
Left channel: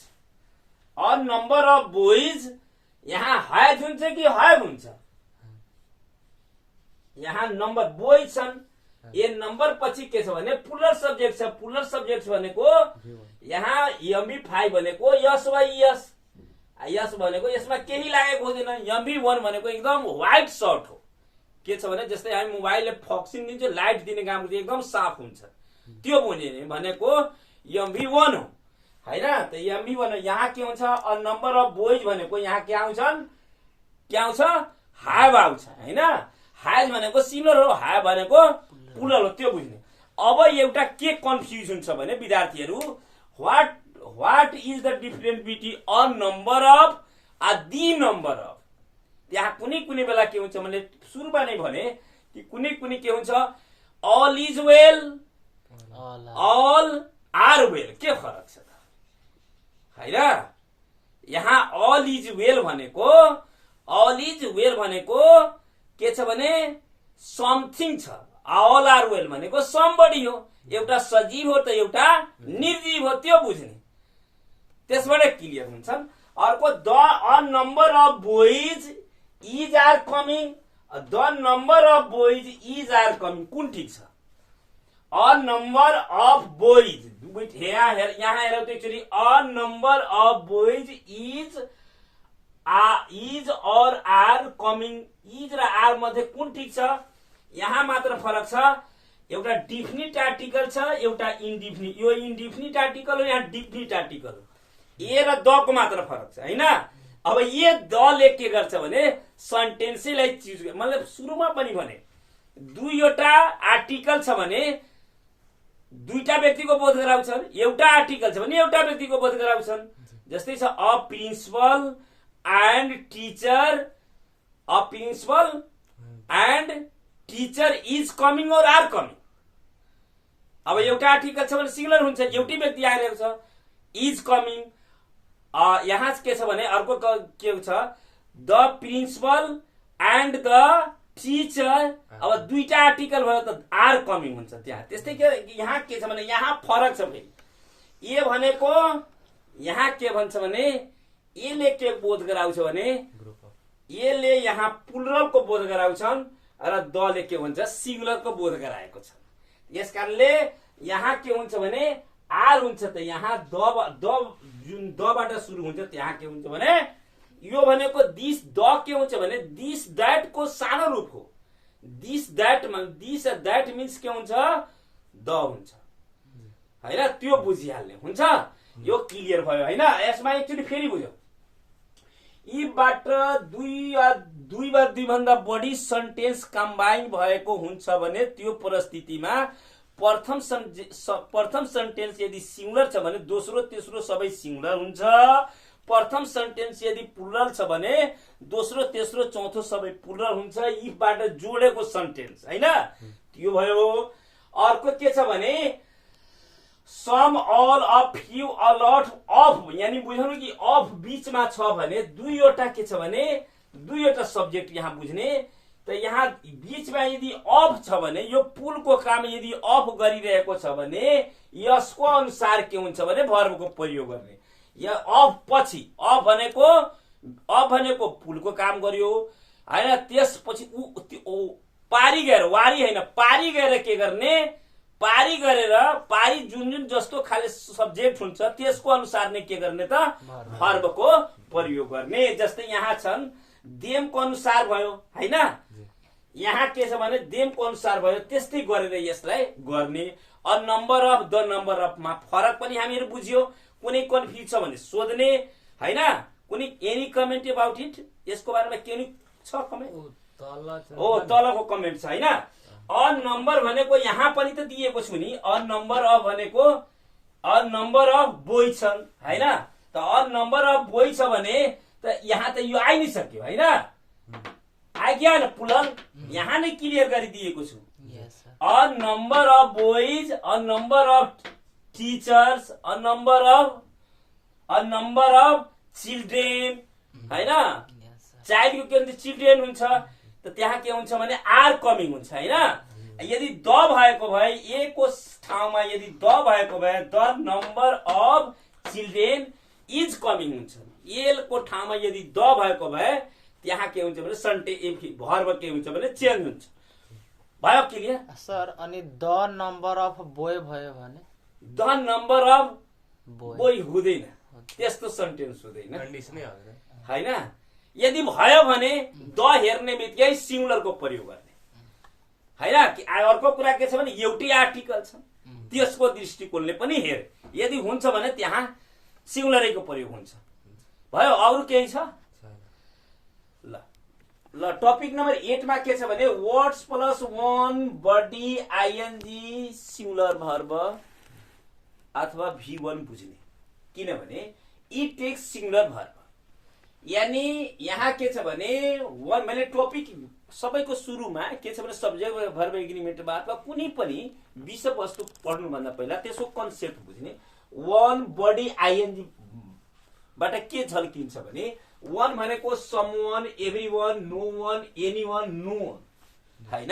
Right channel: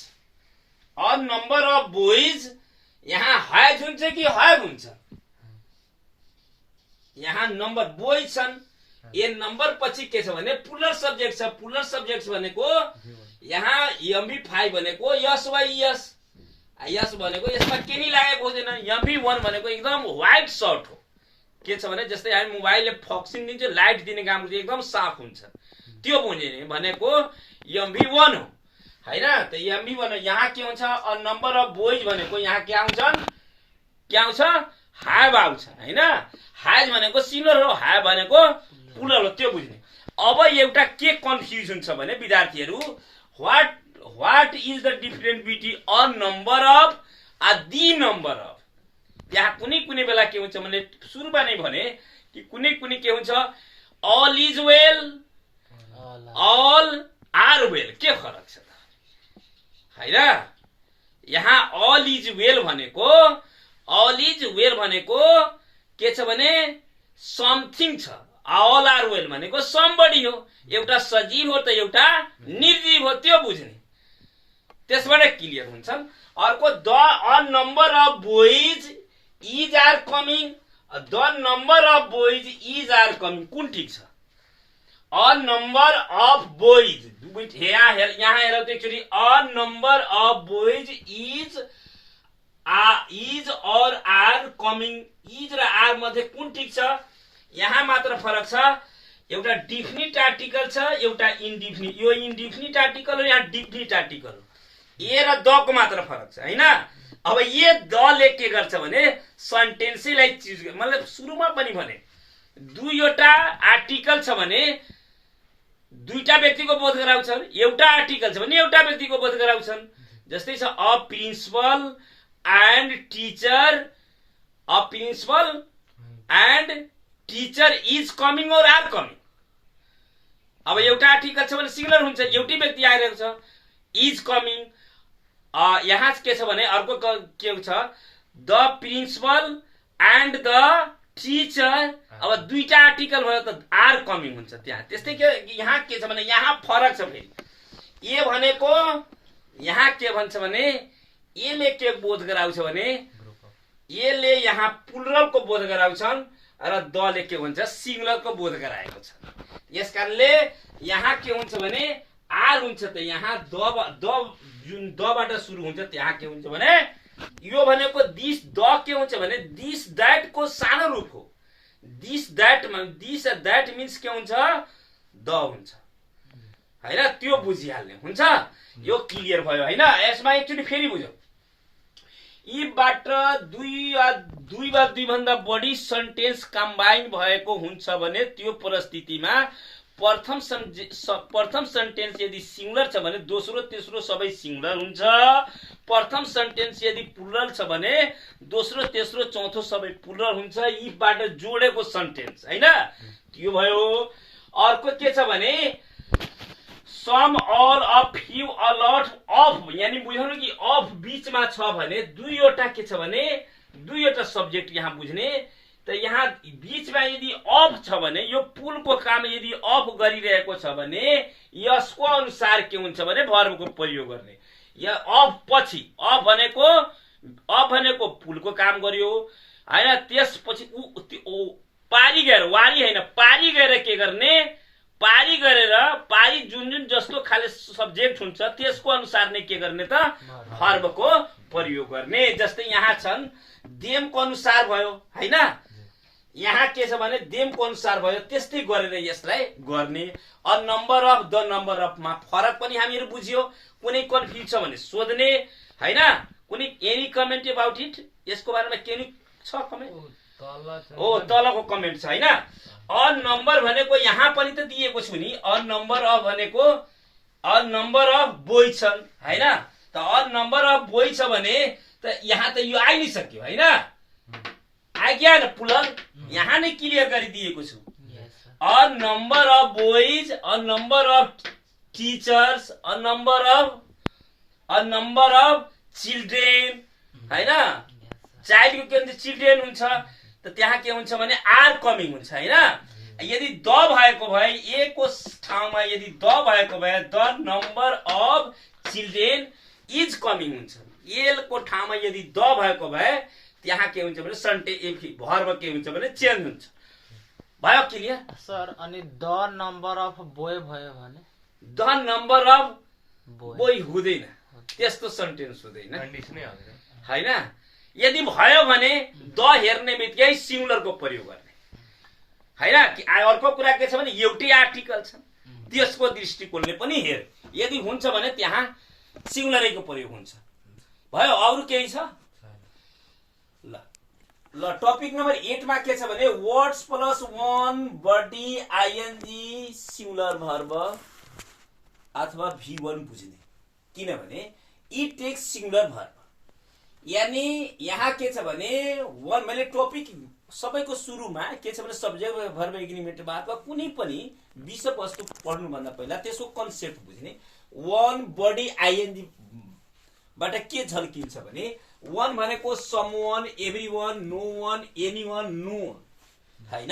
a number of boys. यहाँ हैज हुन्छ कि हैव हुन्छ. यहाँ नम्बर बोइज छन्. ए नम्बर पछि के छ भने प्लुरल सब्जेक्ट छ. प्लुरल सब्जेक्ट भनेको यहाँ MV5 भनेको यस वा यस. यस भनेको यसमा केही लागेको हुँदैन. MV1 भनेको एकदम व्हाइट सर्ट हो. के छ भने जस्तै हामी मोबाइलले फक्सिङ दिन्छ, लाइट दिने काम गर्छ, एकदम साफ हुन्छ. त्यो भनेको MV1 हो हैन. त MV1 यहाँ के हुन्छ, अ नम्बर अफ बोइज भनेको यहाँ के आउँछन्, के आउँछ, have आउँछ हैन। has भनेको सिंगुलर हो, have भनेको प्लुरल हो, त्यो बुझ्ने। अब एउटा के कन्फ्युजन छ भने विद्यार्थीहरू, what is the difference between a number of the number of. त्यहाँ कुनै बेला के हुन्छ भने सुरुमा नै भने कि कुनै के हुन्छ, all is well, all are well, के फरक छ त हैन। यहाँ अल इज वेल भनेको के छ भने समथिङ छ, अल आर वेल भनेको समबडी हो, एउटा सजीव हो त एउटा निर्जीव हो, त्यो बुझ्ने। त्यसबाट क्लियर हुन्छन्। अर्को a number of boys is are coming, the number of boys is are coming, कुन ठीक छ? अ नम्बर अफ बोइज, यहाँ हेर त actually a number of boys is और आर कमिङ, इज र आर मध्ये कुन ठीक छ? यहाँ मात्र फरक छ, एउटा डिफिनिट आर्टिकल छ, एउटा इन्डिफिनिट। यो इन्डिफिनिट आर्टिकल हो, यहाँ डिफिनिट आर्टिकल हो। ए र द को मात्र फरक छ हैन। अब ये द ले के गर्छ भने सेन्टेन्सलाई चुज, मतलब सुरुमा पनि भने दुईवटा आर्टिकल छ भने दुईटा व्यक्तिको बोध गराउँछन्, एउटा आर्टिकल छ भने एउटा व्यक्तिको बोध गराउँछन्। जस्तै छ a principal and teacher, a principal and teacher is coming और आर कमिङ। अब एउटा आर्टिकल छ भने सिंगुलर हुन्छ, एउटै व्यक्ति आइरहेको छ, इज कमिङ। यहाँ के छ भने अर्को के छ, the principal and the teacher. अब दुईटा आर्टिकल भयो त आर कमिङ हुन्छ त्यहाँ। त्यस्तै के यहाँ के छ भने यहाँ फरक छ फेरि। ए भनेको यहाँ के भन्छ भने एले के बोध गराउँछ भने एले यहाँ प्लुरलको बोध गराउँछन् र दले के हुन्छ सिंगुलरको बोध गराएको छ। यसकारणले यहाँ के हुन्छ भने आर हुन्छ त यहाँ द जुन दबाट सुरु हुन्छ त्यहाँ के हुन्छ भने यो भनेको दिस, द के हुन्छ भने दिस दैट को सानो रूप हो। दिस दैट मिन्स के हुन्छ, द हुन्छ हैन। त्यो बुझिहाल्ने हुन्छ। यो क्लियर भयो हैन। यसमा एक्चुअली फेरि बुझौँ, यीबाट दुई वा दुईभन्दा बढी सेन्टेन्स कम्बाइन भएको हुन्छ भने त्यो परिस्थितिमा प्रथम सेन्टेन्स यदि सिंगुलर छ भने दोस्रो तेस्रो सबै सिंगुलर हुन्छ। प्रथम सेन्टेन्स यदि प्लुरल छ भने दोस्रो तेस्रो चौथो सबै प्लुरल हुन्छ। यीबाट जोडेको सेन्टेन्स हैन, त्यो भयो। अर्को के छ भने some, all, a few, a lot, of, यानी बुझ्नु कि अफ बीचमा छ भने दुईवटा के छ भने दुईवटा सब्जेक्ट यहाँ बुझ्ने। त यहाँ बीचमा यदि अफ छ भने यो पुलको काम यदि अफ गरिरहेको छ भने यसको अनुसार के हुन्छ भने भर्बको प्रयोग गर्ने। या अफ पछि, अफ भनेको पुलको काम गर्यो हैन। त्यसपछि पारी गएर, वारी हैन पारी गएर के गर्ने, पारी गरेर पारी जुन जस्तो खाले सब्जेक्ट हुन्छ त्यसको अनुसार नै के गर्ने त भर्बको प्रयोग गर्ने। जस्तै यहाँ छन् देमको अनुसार भयो हैन, यहाँ के छ भने देमको अनुसार भयो, त्यस्तै गरेर यसलाई गर्ने। A number of, the number अफमा फरक पनि हामीहरु बुझ्यो। कुनै कन्फ्युज छ भने सोध्ने हैन। कुनै एनी कमेन्ट अबाउट इट, यसको बारेमा के नि छ कमेन्ट? हो तलको कमेन्ट छ हैन। अ नम्बर भनेको यहाँ पनि त दिएको छु नि, अ नम्बर अफ भनेको अ नम्बर अफ बोय छन् हैन। त अ नम्बर अफ बोय छ भने त यहाँ त यो आइ नै सक्यो हैन, आइग्या न प्लुरल, यहाँ नै क्लियर गरिदिएको छु। A number of boys, a number of teachers, a number of children हैन। चाइल्डको के हुन्छ चिल्ड्रेन हुन्छ, त त्यहाँ के हुन्छ भने आर कमिङ हुन्छ हैन। यदि द भएको भए ए को ठाउँमा यदि द भएको भए the number of children is coming हुन्छ। एल को ठाउँमा यदि द भएको भए त्यहाँ के हुन्छ भने सेन्टेन्स भर्ब के हुन्छ भने चेन्ज हुन्छ। भयो क्लियर सर? अनि द नम्बर अफ बोय भयो भने द नम्बर अफ बोय हुँदैन, त्यस्तो सेन्टेन्स हुँदैन हैन। यदि भयो भने द हेर्ने बित्तिकै सिंगुलरको प्रयोग गर्ने हैन। अर्को कुरा के छ भने एउटै आर्टिकल छ, त्यसको दृष्टिकोणले पनि हेर, यदि हुन्छ भने त्यहाँ सिंगुलरैको प्रयोग हुन्छ। भयो? अरु केही छ? ल ल टपिक नम्बर 8 मा के छ भने words plus 1 body ING singular verb अथवा V1 बुझ्ने। किनभने इट टेक्स सिंगुलर भर्ब, यानी यहाँ के छ भने वन मैले टपिक सबैको सुरुमा के छ भने सब्जेक्ट भर्ब एग्रिमेन्टमा अथवा कुनै पनि विषयवस्तु पढ्नुभन्दा पहिला त्यसको कन्सेप्ट बुझ्ने। वन बडी आइएनजी बाट के झल्किन्छ भने वन भनेको समवन, एभ्रीवन, नो वन, एनीवन, नो वन, हैन।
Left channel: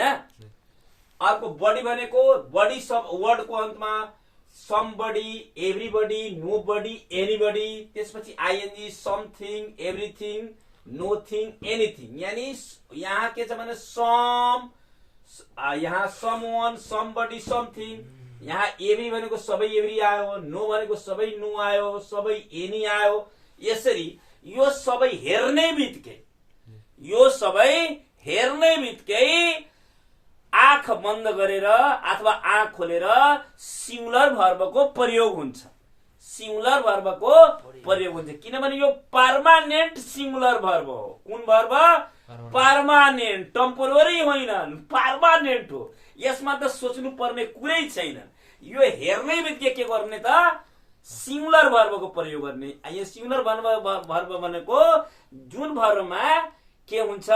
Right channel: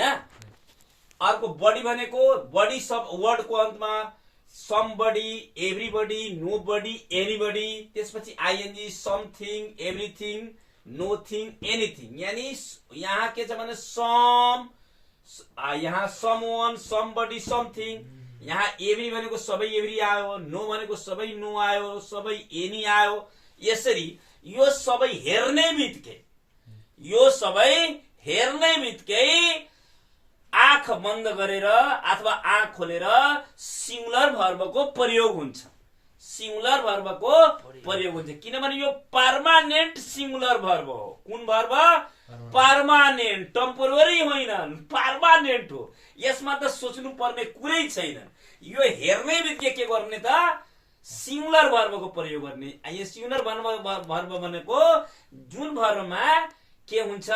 अर्को बडी भनेको बडी सब वर्डको अन्तमा समबडी, एभ्रीबडी, नोबडी, एनीबडी, त्यसपछि आइएनजी समथिङ, एभ्रीथिङ, नोथिङ, एनीथिङ, यानी यहाँ के छ भने सम, यहाँ समवन, समबडी, समथिङ, यहाँ एभ्री भनेको सबै एभ्री आयो, नो भनेको सबै नो आयो, सबै एनी आयो। यसरी यो सबै हेर्ने बित्तिकै आँख बन्द गरेर अथवा आँख खोलेर सिंगुलर भर्बको प्रयोग हुन्छ। सिंगुलर भर्बको प्रयोग हुन्छ किनभने यो पर्मानेन्ट सिंगुलर भर्ब हो। कुन भर्ब? पर्मानेन्ट, टेम्पोररी होइन, पर्मानेन्ट हो। यसमा त सोच्नु पर्ने कुरै छैन। यो हेर्ने बित्तिकै के गर्ने त सिंगुलर भर्बको प्रयोग गर्ने। यो सिंगुलर भर्ब भनेको जुन भर्बमा के हुन्छ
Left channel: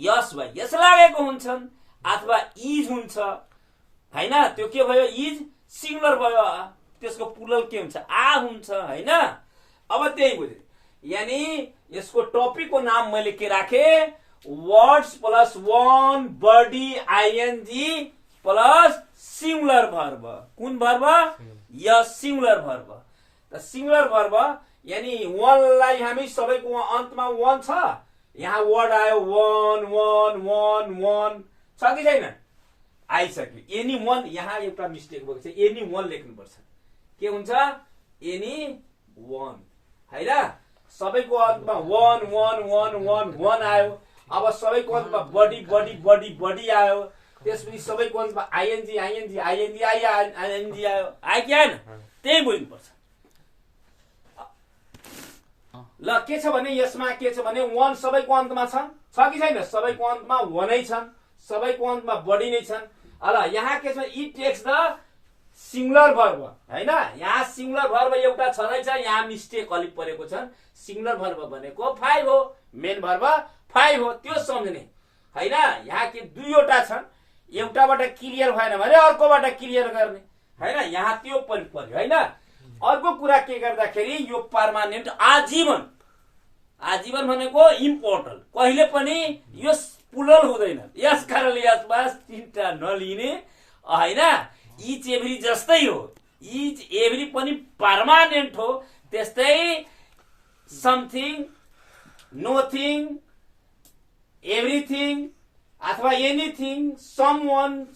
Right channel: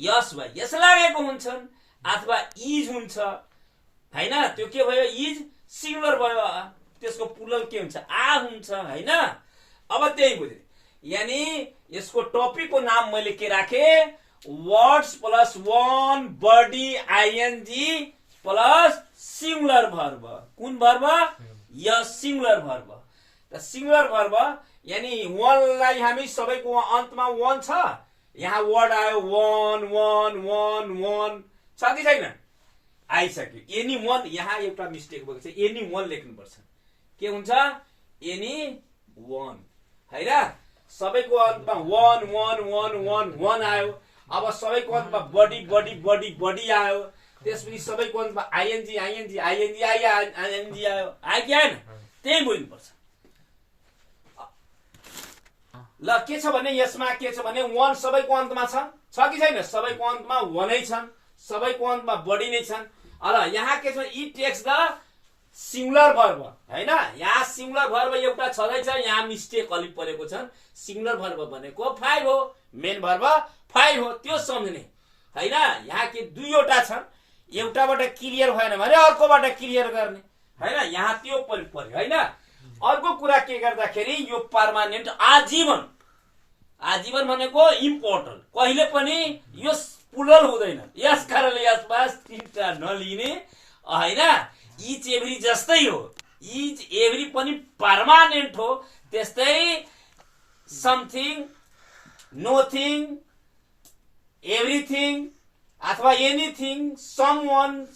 यस वा यस लागेको हुन्छन् अथवा इज हुन्छ, हैन। त्यो के भयो? इज सिंगुलर भयो। त्यसको प्लुरल के हुन्छ? आ हुन्छ, हैन। अब त्यही बुझ्यो, यानी यसको टपिकको नाम मैले के राखे? Words plus 1 body ING plus singular verb. कुन भर्ब? यस सिंगुलर भर्ब। त सिंगुलर भर्ब यानी वनलाई हामी सबैको अन्तमा वन छ, यहाँ वर्ड आयो वन वन वन वन छ कि छैन? आइसक्यो। एनी वन, यहाँ एउटा मिस्टेक भएको छ, एनी वन लेख्नुपर्छ। के हुन्छ? एनी वन, हैन। सबैको अन्तमा वन वन वन वन वन आयो। अब सबैको अन्तमा बडी बडी बडी बडी आयो। त्यसपछि सबैको अन्तमा आइएनजी आइएनजी आइएनजी आइएनजी आयो। आयो कि आएन? त्यही बुझ्नुपर्छ। ल के छ भने यसमा के छ भने वन सबैको अन्तमा छ कि छैन? सबैको अन्तमा वनै छन्, सबैको अन्तमा बडी नै छन्। ल यहाँ के छ? It takes the singular verb, हैन। यहाँ सिंगुलर भर्ब एउटा छँदैछ, यहाँ मिस्टेक अलिक परेको छ। सिंगुलर भर्ब भनेको 5 हो, मेन भर्ब 5 हो, त्यो सम्झ्ने, हैन। यहाँ के दुईवटा छन्, एउटाबाट क्लियर भएन भने अर्कोबाट क्लियर गर्ने, हैन। यहाँ त्यो पर्यो, हैन। अर्को कुरा के गर्दाखेरि यो पर्मानेन्ट आजीवन, आजीवन भनेको इम्पोर्टेन्ट, कहिले पनि यो प्लुरल हुँदैन। यस कारणले यसमा तीनटा नलिने, हैन। इच एभ्री जस्तै हो, इच एभ्री पनि पर्मानेन्ट हो। त्यस्तै समथिङ, नोथिङ, एभ्रीथिङ अथवा anything, someone,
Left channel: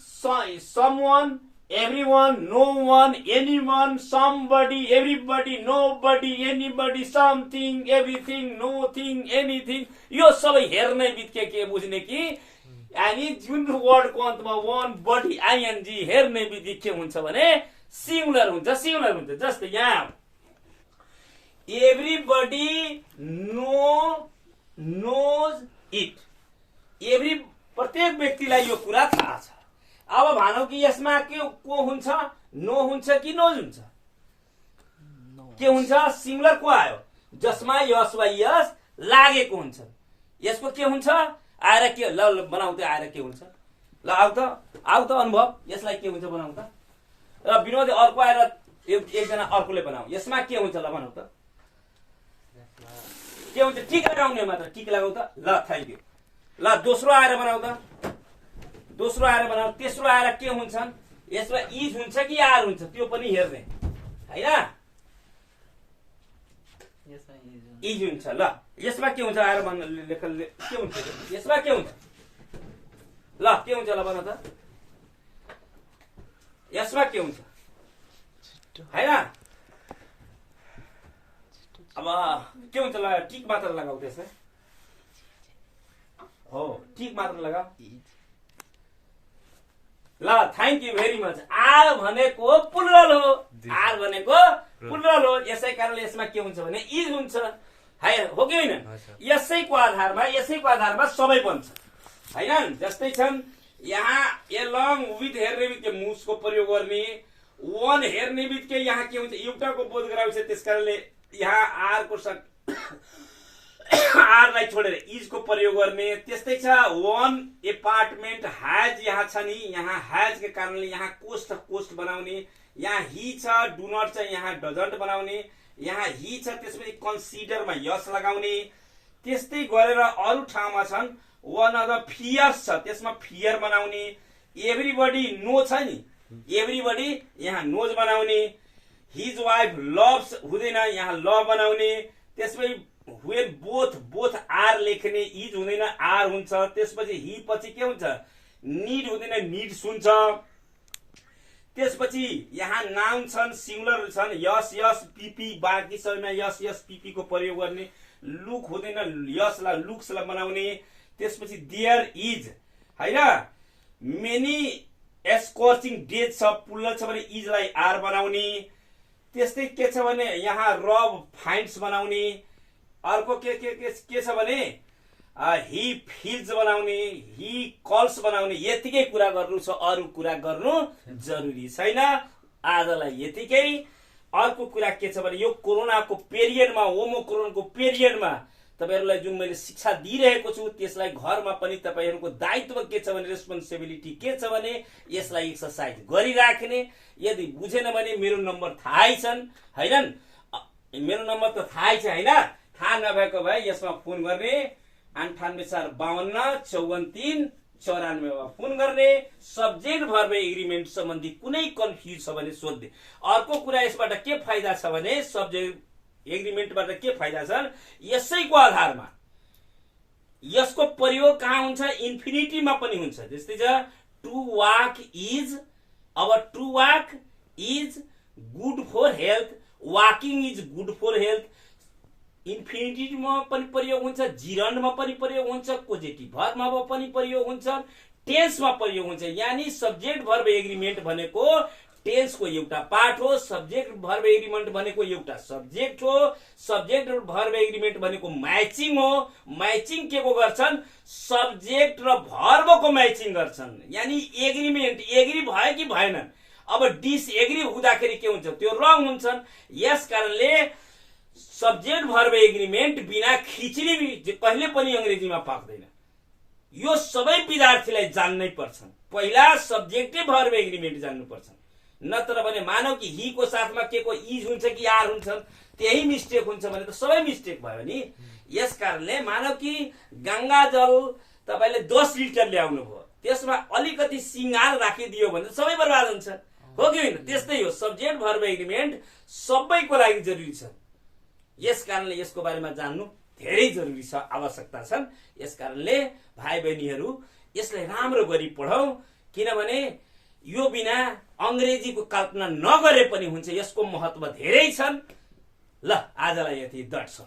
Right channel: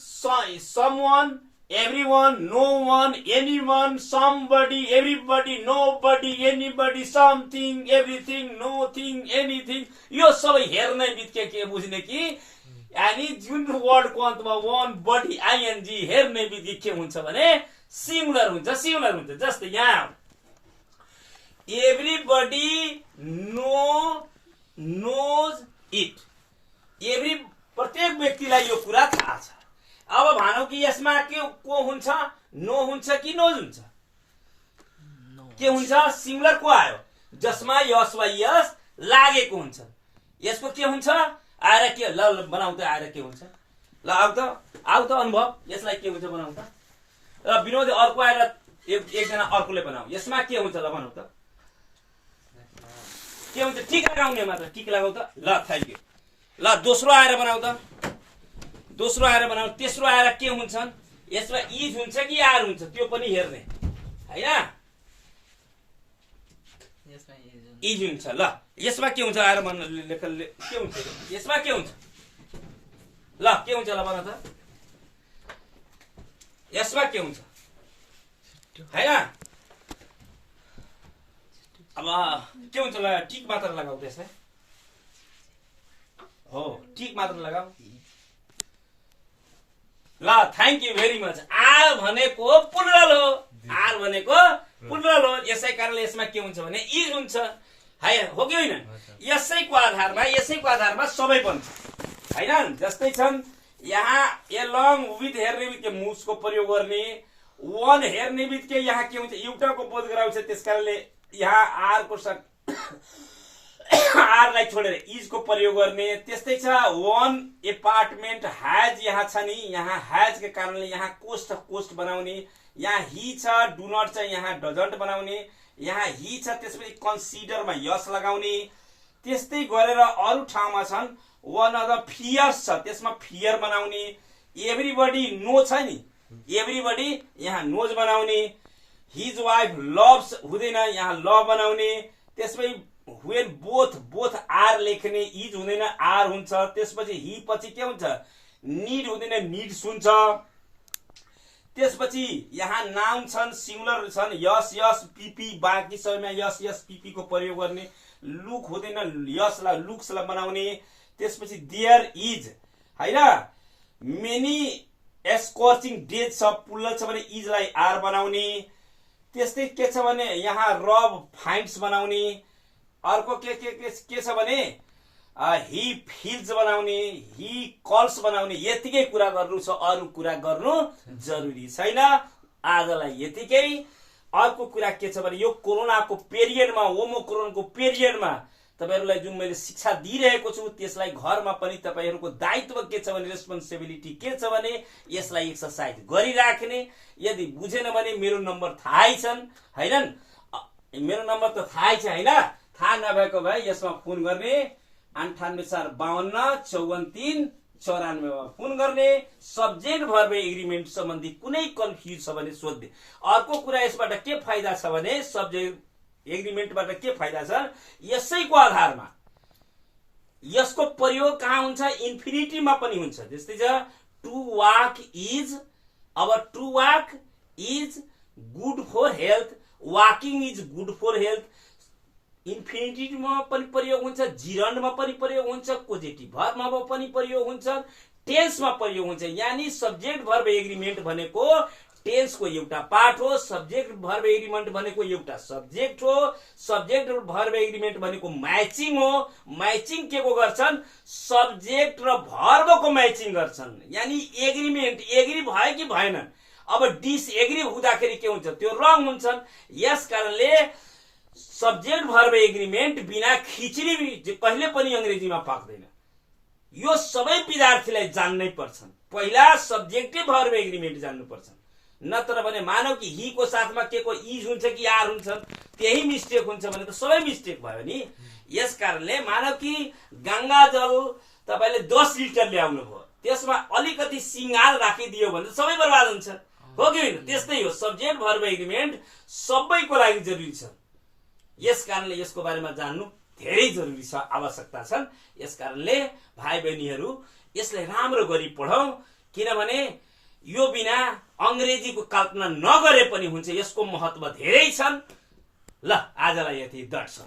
everyone, no one, anyone, somebody, everybody, nobody, anybody, something, everything, nothing, anything, यो सबै हेर्ने बित्तिकै के बुझ्ने कि यानी जुन वर्डको अन्तमा वन बडी आइएनजी हेर्ने बित्तिकै के हुन्छ भने सिंगुलर हुन्छ, सिंगुलर हुन्छ। जस्तै यहाँ एभ्रीबडी नोज इट, एभ्री प्रत्येक व्यक्तिलाई यो कुरा थाहा छ। अब भनौँ कि यसमा के को हुन्छ? नो हुन्छ कि नोज हुन्छ? के हुन्छ? सिंगुलर को आयो? जसमा यस वा यस लागेको हुन्छ। यसको के हुन्छ? आएर के ल बनाउ त, आएर के हुन्छ? ल आउ त अनुभव, यसलाई के हुन्छ बनाउ त। र विनोद अर्को आएर एकजना अर्कोले बनाऊ, यसमा के हुन्छ? ल बनाउ त, के हुन्छ? टिक लगाउने मात्र, टिक लगाउ त। ल थ्याङ्क यू। ल दोस्रो आएर बनाउ त, दोस्रो आएर बनाऊ। तेस्रो आएर के हुन्छन्? यसमा इज हुन्छ कि आर हुन्छ? त्यो पनि हेर्ने, हैन। इज हुन्छ। ल यसमा के हुन्छ? आएर लेख, के हुन्छ? यसमा के हुन्छ? ल के हुन्छ? ल भन त, यसमा के हुन्छ? हैन। अब के हुन्छ? ल टिक मात्र लगाऊ त्यसमा। हो टिक मात्र लगाऊ। ल thank you very much. Are भनेको प्लुरल हो, आर भनेको प्लुरल हो। यसै कारणले यसमा के हुन्छ भने इज हुन्छ। हो कि होइन? यसैको आधारमा सबै बन्छ हैन। जस्तै छन् यहाँ एलङ विथ हेर्ने बित्तिकै मुसको प्रयोग गर्ने, वन हेर्ने बित्तिकै यहाँ के हुन्छ एउटाको बोध गराउँछ, त्यसकारणले यहाँ आरको आरलाई छोडेर इजको प्रयोग गर्ने। त्यस्तै छ वन एपार्टमेन्ट ह्याज यहाँ छ नि, यहाँ ह्याज के कारणले यहाँ कोस्ट बनाउने, यहाँ हि छ डु नट छ यहाँ डजन्ट बनाउने, यहाँ हि छ त्यसपछि कन्सिडरमा यस लगाउने। त्यस्तै गरेर अरू ठाउँमा छन् वान अफ द फियर्स छ त्यसमा फियर बनाउने, एभ्रीबडी नो छ नि एभ्रीबडी यहाँ नोज बनाउने, हिज वाइफ लभ्स हुँदैन यहाँ लभ बनाउने। त्यसपछि व्हेन बोथ आर लेख्ने, इज हुँदैन आर हुन्छ। त्यसपछि हि पछि के हुन्छ निड हुँदैन निड्स हुन्छ। त्यसपछि यहाँ नाउन छन् सिंगुलर छन् यस यस पिपी, बाँकी सबैमा यस यस पिपी को प्रयोग गर्ने, लुक हुँदैन यसलाई लुक्सलाई बनाउने। त्यसपछि देयर इज हैन मेनी स्कर्चिङ डेज छ पुल्ल छ भने इजलाई आर बनाउने। त्यस्तै के छ भने यहाँ रब फाइन्ड्स बनाउने। अर्को के छ भने हि फिल्स बनाउने, हि कल्स बनाउने। यतिकै कुरा गर्नु छ, अरू कुरा गर्नु जरुरी छैन। आजलाई यतिकै। अर्को कुरा के छ भने यो कोरोनाको पिरियडमा, ओमिक्रोनको पिरियडमा तपाईहरुलाई जुन मैले शिक्षा दिइरहेको छु त्यसलाई घरमा पनि तपाईहरुको दायित्व के छ भने रेस्पोन्सिबिलिटी के छ भने यसलाई एक्सरसाइज गरिराख्ने। यदि बुझेन भने मेरो नम्बर थाहै छन् हैनन्, मेरो नम्बर त थाहै छ हैन। थाहा नभएको भए यसमा फोन गर्ने 9845543494 मा फोन गर्ने। सब्जेक्ट भर्ब एग्रीमेन्ट सम्बन्धी कुनै कन्फ्युज छ भने सोध्ने। अर्को कुरा यसबाट के फाइदा छ भने सब्जेक्ट एग्रीमेन्टबाट के फाइदा छ, यसैको आधारमा यसको प्रयोग कहाँ हुन्छ इन्फिनिटीमा पनि हुन्छ। जस्तै छ टु वाक इज, अब to walk is good for health, walking is good for health. इन्फिनिटीमा पनि प्रयोग हुन्छ, जिरन्डमा पनि प्रयोग हुन्छ, पोजिटिभ भर्बमा पनि प्रयोग हुन्छ, टेन्समा प्रयोग हुन्छ। यानी सब्जेक्ट भर्ब एग्रीमेन्ट भनेको टेन्सको एउटा पार्ट हो, सब्जेक्ट भर्ब एग्रीमेन्ट भनेको एउटा सब्जेक्ट हो, सब्जेक्ट भर्ब एग्रीमेन्ट भनेको म्याचिङ हो। म्याचिङ के को गर्छन् सब्जेक्ट र भर्बको म्याचिङ गर्छन्। यानी एग्रीमेन्ट एग्री भयो कि भएनन्। अब डिसएग्री हुँदाखेरि के हुन्छ त्यो रङ हुन्छन्। यस कारणले सब्जेक्ट भर्ब एग्रीमेन्ट बिना खिचडी कहिले पनि अंग्रेजीमा पाक्दैन। यो सबै विद्यार्थीलाई जान्नै पर्छन्। पहिला सब्जेक्टिभ भर्ब एग्रीमेन्ट जान्नु पर्छ, नत्र भने मानव कि हि को साथमा के को इज हुन्छ कि आर हुन्छ, त्यही मिस्टेक हुन्छ भने त सबै मिस्टेक भयो नि। यस कारणले मानव कि गंगा जल तपाईले 10 लिटर ल्याउनु भयो, त्यसमा अलिकति सिंगार राखिदियो भने सबै बर्बाद हुन्छ, हो कि हैन? त्यस्तै हो सब्जेक्ट भर्ब एग्रीमेन्ट सबैको लागि जरुरी छ। यस कारणले यसको बारेमा जान्नु धेरै जरुरी छ, आवश्यकता छन्। यस कारणले भाइ बहिनीहरू यसलाई राम्रो गरी पढौं, किनभने यो बिना अंग्रेजीको कल्पना नगरे पनि हुन्छ। यसको महत्व धेरै छन्। ल आजलाई यति दर्शन।